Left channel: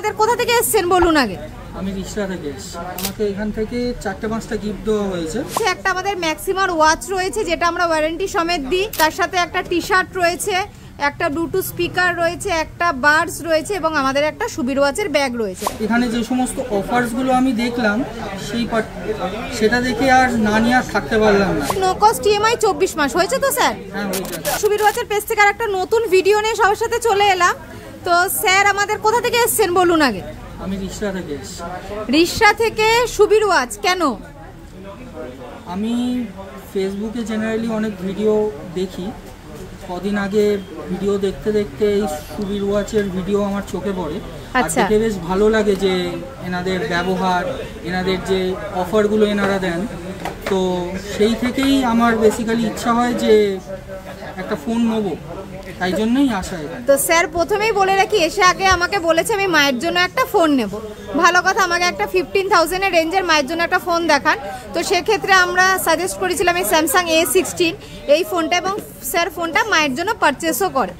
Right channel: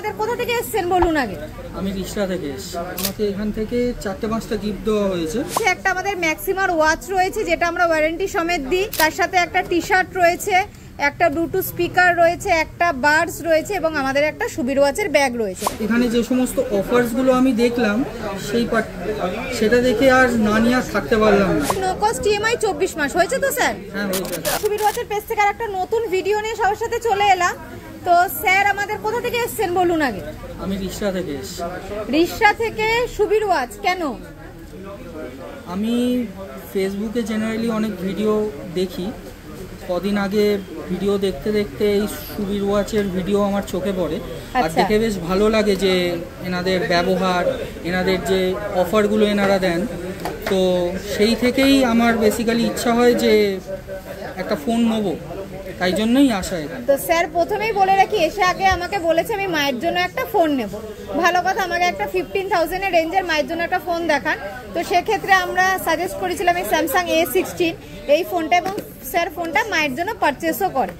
আমাদের কোথা থেকে এসেছেন বলুন আগে। আমি রিসরা থেকে এসেছি। আমাকে এখান থেকে 4-5টা গিফট দেওয়া হয়েছে। একটা আমাদের ম্যাক্সিমার ওয়াচ রয়েছে যেটা আমরা ওয়ারেন্টি সমেত দিই, তার সাথে একটা টি শার্ট রয়েছে, একটা ব্লুটুথ স্পিকার রয়েছে, একটা বাডস রয়েছে এবং আমাদের একটা সুবির ওয়াচের ব্যাগ রয়েছে। এখানে যে সমস্ত অফারসগুলো আমি দেখলাম সেটা দেখে আর না নিয়ে আর থাকতে পারলাম না। নো কস্ট ইএমআই 24 মাস হয়েছে তো স্যার? হ্যাঁ হয়েছে। সুবির ওয়াচের পেজ থেকে একটা নতুন ভিডিও নিয়ে সবার সাথে চলে এলাম। তো স্যার আমাদের কোথা থেকে এসেছেন বলুন আগে। আমি রিসরা থেকে এসেছি। রিসরা থেকে সুবির ওয়াচ কেন? আমি ফেসবুকে জেনারেলি অনেক ভিডিও দেখি। কদিন আগে ভিডিও দেখতে দেখতে এই সুবির ওয়াচের ভিডিও আমার চোখে পড়ে। আর দেখে বেশ ভালো লাগে যে এনাদের ব্যবহার, এনাদের যে অফারগুলো এনারা দেন, তো সেই থেকেই আমার বেসিক্যালি ইচ্ছা হয় যে একটা ফোন নেবো, তাই জন্যই আসা। তো স্যার প্রথমেই বলে রাখি, এসে আগে আমাকে বলেছে আমি মায়ের জন্য একটা ফোন নেব। ভালো কথা, আমাকে একটা 15,000 এর রেঞ্জের মায়ের জন্য একটা ফোন দেখান। তো সেক্ষেত্রে আমরা সাজেস্ট করেছিলাম এই স্যামসাং A16 এই ফোনটা, এবং স্যার ফোনটা মায়ের জন্য পারচেসও করে।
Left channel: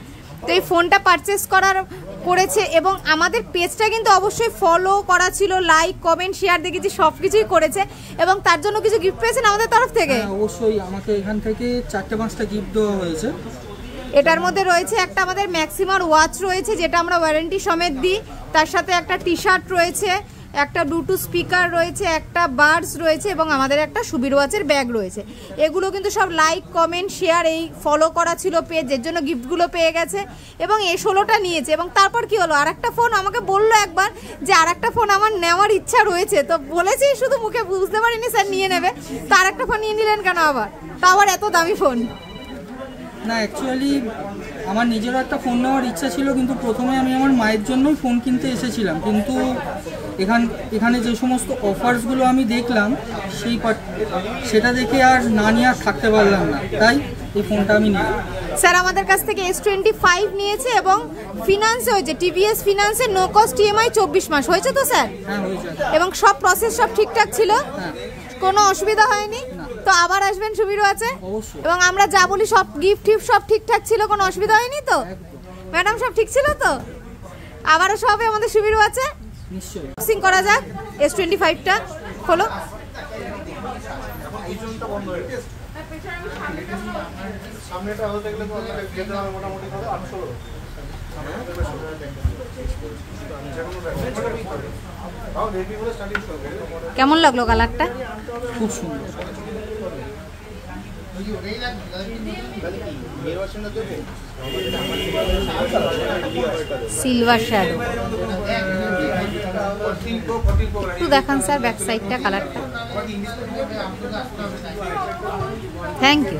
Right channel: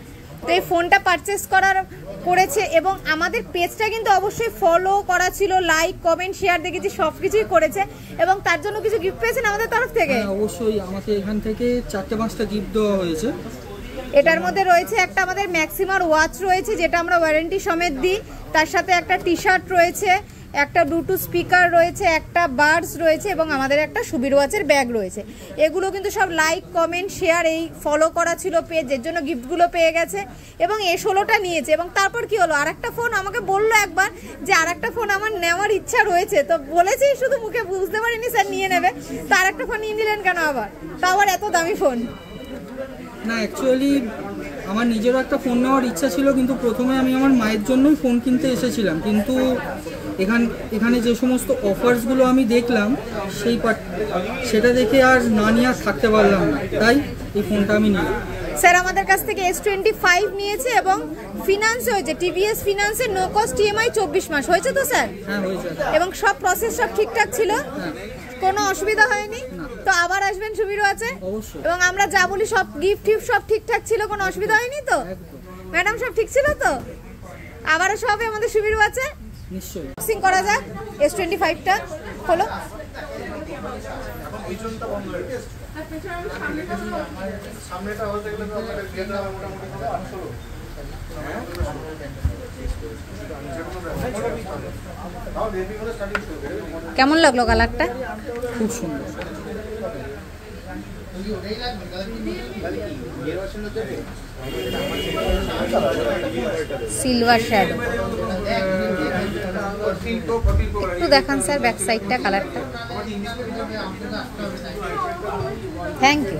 তো এই ফোনটা পারচেস করেছে এবং আমাদের পেজটা কিন্তু অবশ্যই ফলো করা ছিল, লাইক কমেন্ট শেয়ার দেখেছি সব কিছুই করেছে, এবং তার জন্য কিছু গিফট পেয়েছেন আমাদের তরফ থেকে। অবশ্যই আমাকে এখান থেকে 4-5টা গিফট দেওয়া হয়েছে। এটার মধ্যে রয়েছে একটা আমাদের ম্যাক্সিমার ওয়াচ রয়েছে যেটা আমরা ওয়ারেন্টি সমেত দিই, তার সাথে একটা টি শার্ট রয়েছে, একটা ব্লুটুথ স্পিকার রয়েছে, একটা বাডস রয়েছে এবং আমাদের একটা সুবির ওয়াচের ব্যাগ রয়েছে। এগুলো কিন্তু সব লাইক কমেন্ট শেয়ার এই ফলো করা ছিল পেজের জন্য গিফটগুলো পেয়ে গেছে এবং এই 16টা নিয়েছে। এবং তারপর কি হলো, আরেকটা ফোন আমাকে বললো একবার যে আরেকটা ফোন আমার নেওয়ার ইচ্ছা রয়েছে। তো বলেছি শুধু মুখে, বুঝতে পারিনি স্যার নিয়ে নেবে। তো আরেকটা ফোন নিয়ে নিলেন কেন আবার, তা আবার এত দামি ফোন? না, অ্যাকচুয়ালি আমার নিজেরও একটা ফোন নেওয়ার ইচ্ছা ছিল, কিন্তু প্রথমে আমি আমার মায়ের জন্যই ফোন কিনতে এসেছিলাম, কিন্তু এখানে যে সমস্ত অফারসগুলো আমি দেখলাম সেটা দেখে আর না নিয়ে আর থাকতে পারলাম না, তাই এই ফোনটা আমি নিলাম। স্যার আমাদের কাছ থেকে S25 নিয়েছে এবং ফিনান্স হয়েছে, টিভিএস ফিনান্সে নো কস্ট ইএমআই 24 মাস হয়েছে তো স্যার? হ্যাঁ হয়েছে। এবং সব প্রসেস সব ঠিকঠাক ছিল? হ্যাঁ। কোনো অসুবিধা হয়নি? তো আবার আসবেন সুবির ওয়াচে? অবশ্যই। এবং আমরা যা বলি সব গিফট সব ঠিকঠাক ছিল, কোনো অসুবিধা হয়নি তো? ম্যাডাম সব ঠিক ছিল তো? আবারও সব আমাদের সুবির ওয়াচে নিশ্চয়ই সিং করা যাক। S25টা খোলো। কেমন লাগলো কালারটা? খুব সুন্দর। Silver shadow. একটু দেখান স্যার ব্যাক সাইডটা, কালারটা। Thank you.